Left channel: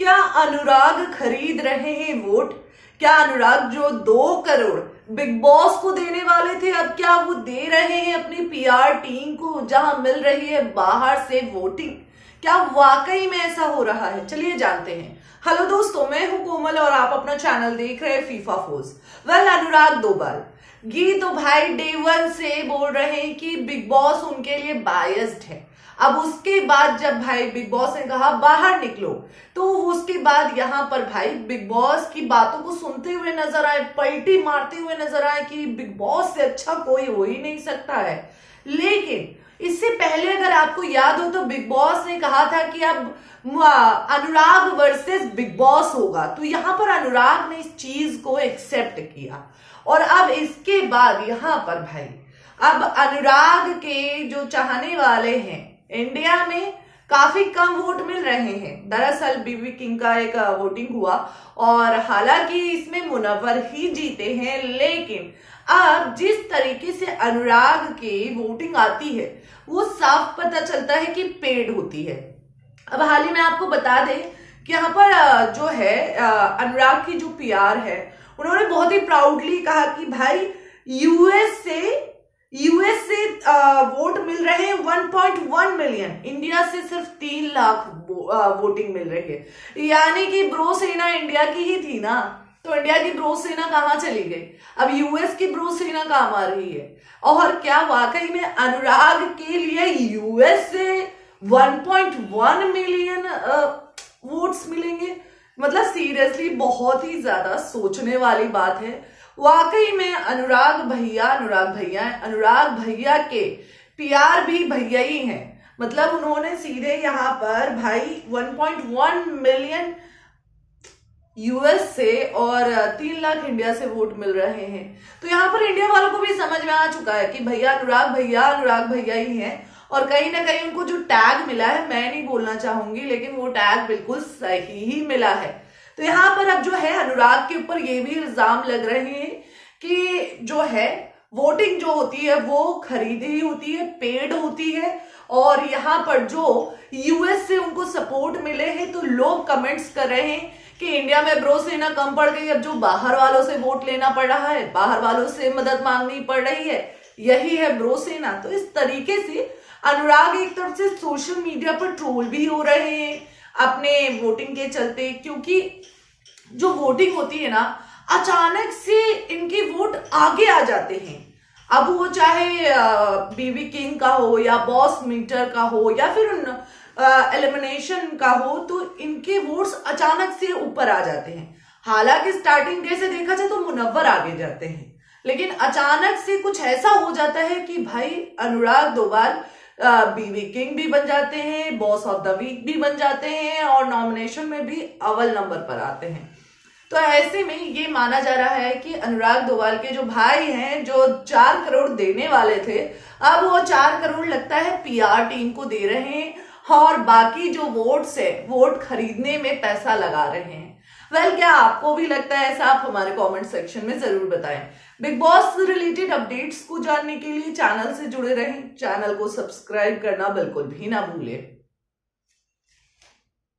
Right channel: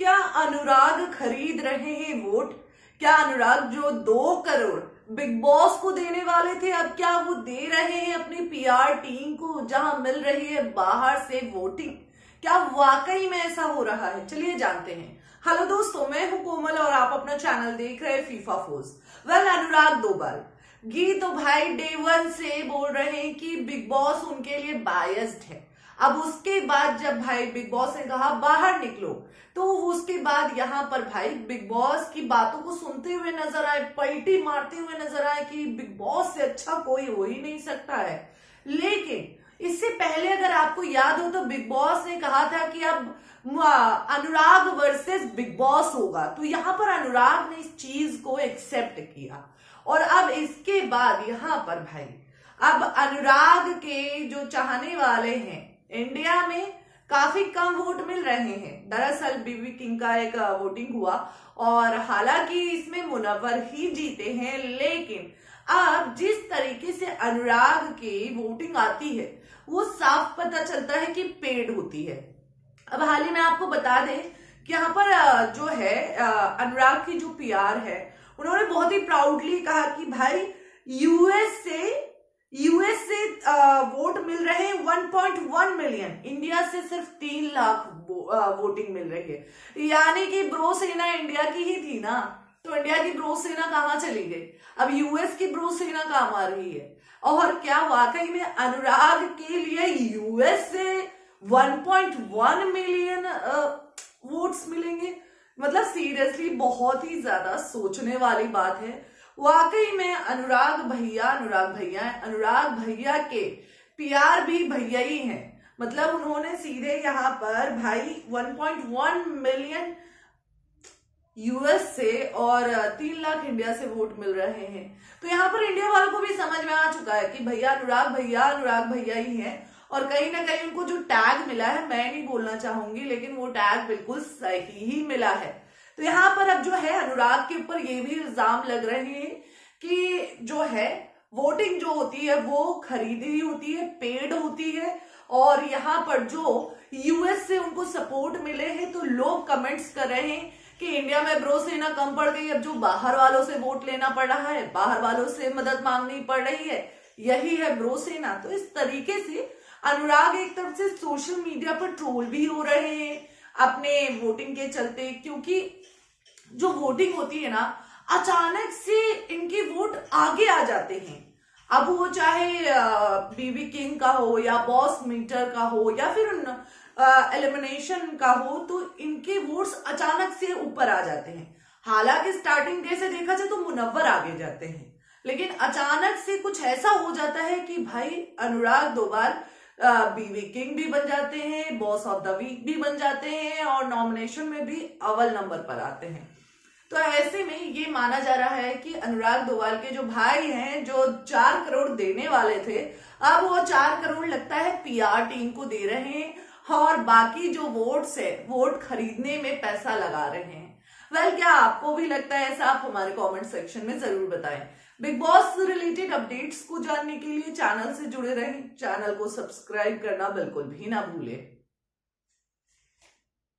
क्या अनुराग खरीद रहे हैं वोट? क्या अनुराग जो 2 करोड़ बिग बॉस को देने वाले थे, अब क्या वो दे रहे हैं अपनी पीआर टीम को, जहां मिल रही है बाहर से वोटिंग? क्या वाकई में ऐसा हो रहा है? चलिए जानते हैं। हेलो दोस्तों, मैं हूं कोमल और आप अपना चैनल देख रहे हैं फीफा फोर्स। अनुराग डोभाल गी तो भाई डे 1 से बोल रहे हैं कि बिग बॉस उनके लिए बायस्ड है। अब उसके बाद जब भाई बिग बॉस ने कहा बाहर निकलो, तो उसके बाद यहाँ पर भाई बिग बॉस की बातों को सुनते हुए नजर आए, पलटी मारते हुए नजर आए कि बिग बॉस से अच्छा कोई हो ही नहीं सकता है। लेकिन इससे पहले अगर आपको याद हो तो बिग बॉस ने कहा था कि अब अनुराग वर्सेस बिग बॉस होगा, तो यहाँ पर अनुराग ने इस चीज को एक्सेप्ट किया। और अब इसके बाद यहाँ पर भाई अब अनुराग के जो चाहने वाले हैं इंडिया में काफी कम वोट मिल रहे हैं। दरअसल बीवी किंग का एक वोटिंग हुआ और हालांकि इसमें मुनव्वर ही जीते हैं, लेकिन अब जिस तरीके से अनुराग की वोटिंग आती है वो साफ पता चलता है कि पेड होती है। अब हाल ही में आपको बता दें कि यहाँ पर जो है अनुराग की जो पीआर है, उन्होंने बहुत ही प्राउडली कहा कि भाई यूएस से वोट मिल रहे हैं 1.1 मिलियन, इंडिया से सिर्फ 3 लाख वोटिंग मिल रही है। यानी कि ब्रो सेना इंडिया की ही थी ना, तो इंडिया की ब्रो सेना कहाँ चली गई? अब यूएस की ब्रो सेना काम आ रही है। और क्या वाकई में अनुराग के लिए यूएस से 1.1 मिलियन वोट्स मिलेंगे? मतलब सीरियसली बहुत ही ज्यादा सोचने वाली बात है। वाकई में अनुराग भैया के पीआर भी भैया ही हैं। मतलब उन्होंने सीधे यहाँ पर भाई 1.1 मिलियन यूएस से और 3 लाख इंडिया से वोट मिल रहे हैं। तो यहाँ पर इंडिया वालों को भी समझ में आ चुका है कि भैया अनुराग भैया ही हैं। और कहीं ना कहीं उनको जो टैग मिला है, मैं नहीं बोलना चाहूंगी, लेकिन वो टैग बिल्कुल सही ही मिला है। तो यहाँ पर अब जो है अनुराग के ऊपर ये भी इल्जाम लग रहे हैं कि जो है वोटिंग जो होती है वो खरीदी होती है, पेड होती है। और यहाँ पर जो यूएस से उनको सपोर्ट मिले हैं, तो लोग कमेंट्स कर रहे हैं कि इंडिया में ब्रो सेना कम पड़ गई, अब जो बाहर वालों से वोट लेना पड़ रहा है, बाहर वालों से मदद मांगनी पड़ रही है, यही है ब्रो सेना। तो इस तरीके से अनुराग एक तरफ से सोशल मीडिया पर ट्रोल भी हो रहे हैं अपने वोटिंग के चलते, क्योंकि जो वोटिंग होती है ना, अचानक से इनके वोट आगे आ जाते हैं। अब वो चाहे बीवी किंग का हो या बॉस मीटर का हो या फिर एलिमिनेशन का हो, तो इनके वोट्स अचानक से ऊपर आ जाते हैं। हालांकि स्टार्टिंग डे से देखा जाए तो मुनव्वर आगे जाते हैं, लेकिन अचानक से कुछ ऐसा हो जाता है कि भाई अनुराग डोभाल बीवी किंग भी बन जाते हैं, बॉस ऑफ द वीक भी बन जाते हैं और नॉमिनेशन में भी अव्वल नंबर पर आते हैं। तो ऐसे में ये माना जा रहा है कि अनुराग डोभाल के जो भाई हैं, जो 4 करोड़ देने वाले थे, अब वो 4 करोड़ लगता है पीआर टीम को दे रहे हैं और बाकी जो वोट्स है वोट खरीदने में पैसा लगा रहे हैं। क्या आपको भी लगता है ऐसा? आप हमारे कमेंट सेक्शन में जरूर बताएं। बिग बॉस से रिलेटेड अपडेट्स को जानने के लिए चैनल से जुड़े रहें, चैनल को सब्सक्राइब करना बिल्कुल भी ना भूलें।